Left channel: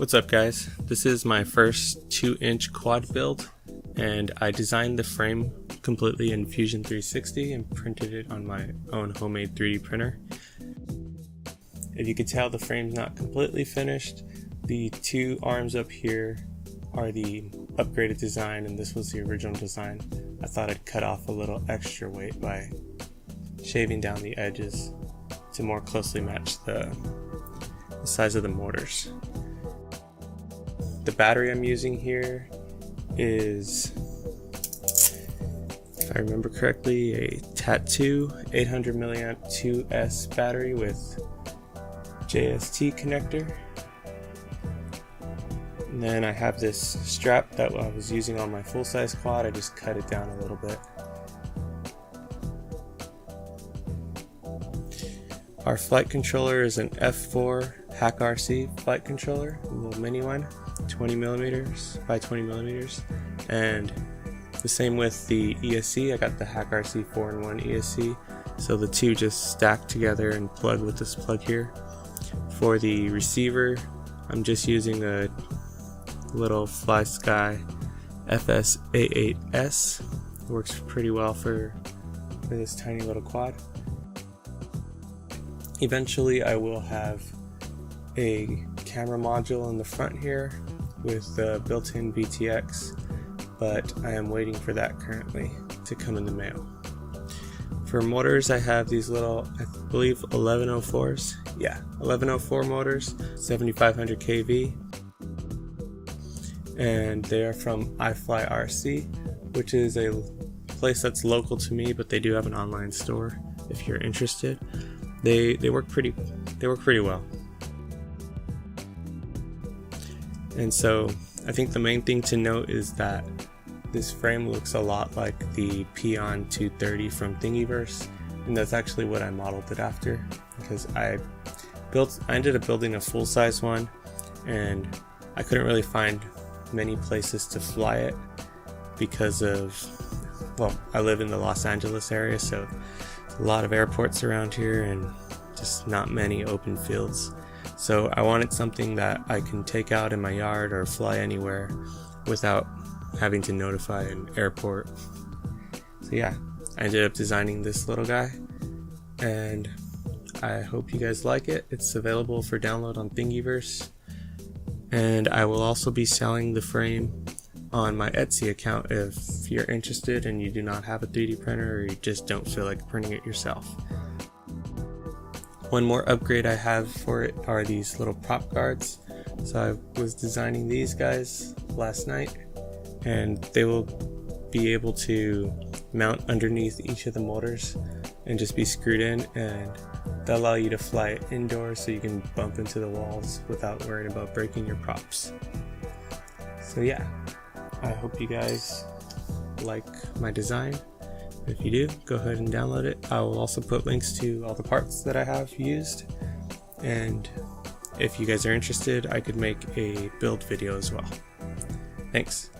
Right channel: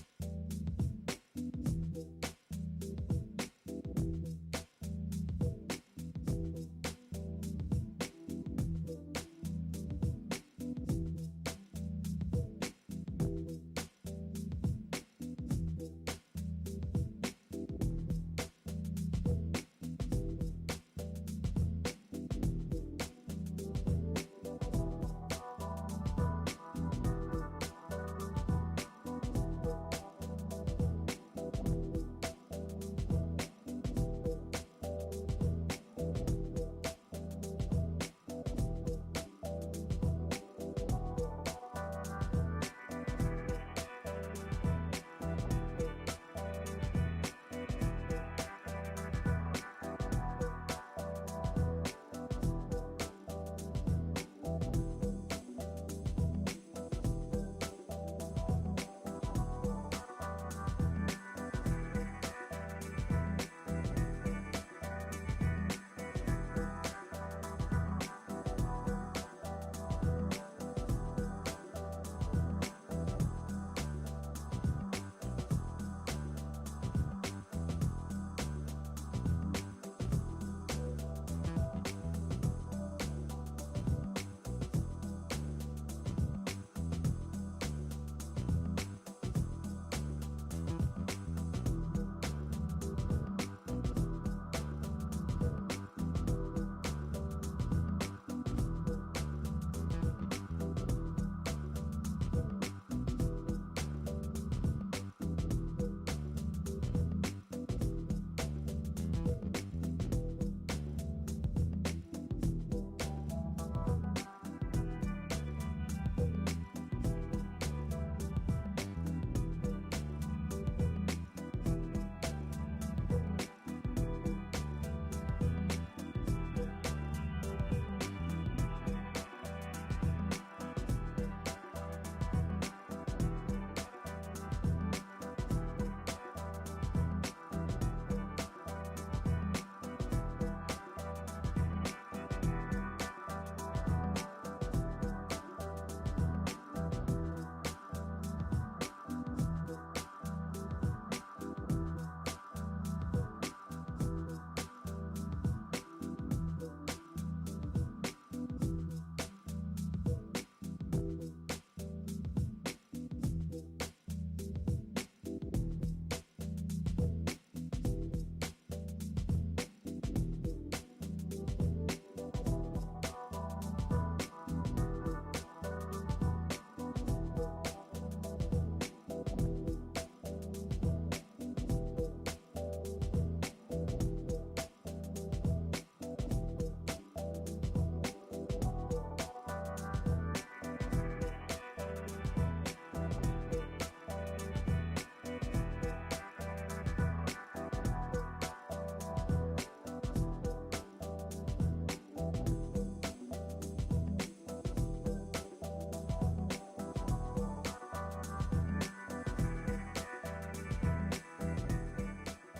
What's up guys, this is my first 2-inch quad build and I designed the frame completely in Fusion 360 and printed it on my own homemade 3D printer. If you can tell, the frame's not completely finished. The two arms up here are the upgraded design and this was the original design. I thought I'd cut off a little extra weight by shaving down the edges to more closely match the size of the motors. The battery I'm using here is, if I remember correctly, a Tattoo 800 mAh 2S battery with JST connector. And then I have this strap that I was using on my full-size quad. I just cut it down a little bit. Our flight controller is an F4 Hack RC flight controller, a little mini one, 20mm by 20mm, and the same with the ESC. I got the Hack RC 4-in-1 ESC, so the two just stack together and plug with this plug here. For the receiver, I'm just using a little FlySky FS88S. Works pretty well for this tiny little quad. Eventually I will have a camera module in the front here with the built-in VTX, but I am waiting for that currently to come in the mail. For motors, I have these little, I believe 1104s. Yeah, 1104 motors, 7500 kV, and they are from iFly RC, which is a place that's local to me, but they do have an online store if you're interested. They work pretty well. And so I think the main thing to note is that this frame looks a lot like the Peon 230 from Thingiverse, and that's actually what I modeled it after, because I ended up building a full-size one and I couldn't really find many places to fly it because of, well, I live in the Los Angeles area, so a lot of airports around here and just not many open fields. So I wanted something that I can take out in my yard or fly anywhere without having to notify an airport. So yeah, I ended up designing this little guy and I hope you guys like it. It's available for download on Thingiverse, and I will also be selling the frame on my Etsy account if you're interested and you do not have a 3D printer or you just don't feel like printing it yourself. One more upgrade I have for it are these little prop guards. So I was designing these guys last night and they will be able to mount underneath each of the motors and just be screwed in, and they'll allow you to fly it indoors so you can bump into the walls without worrying about breaking your props. So yeah, I hope you guys like my design. If you do, go ahead and download it. I will also put links to all the parts that I have used, and if you guys are interested, I could make a build video as well. Thanks.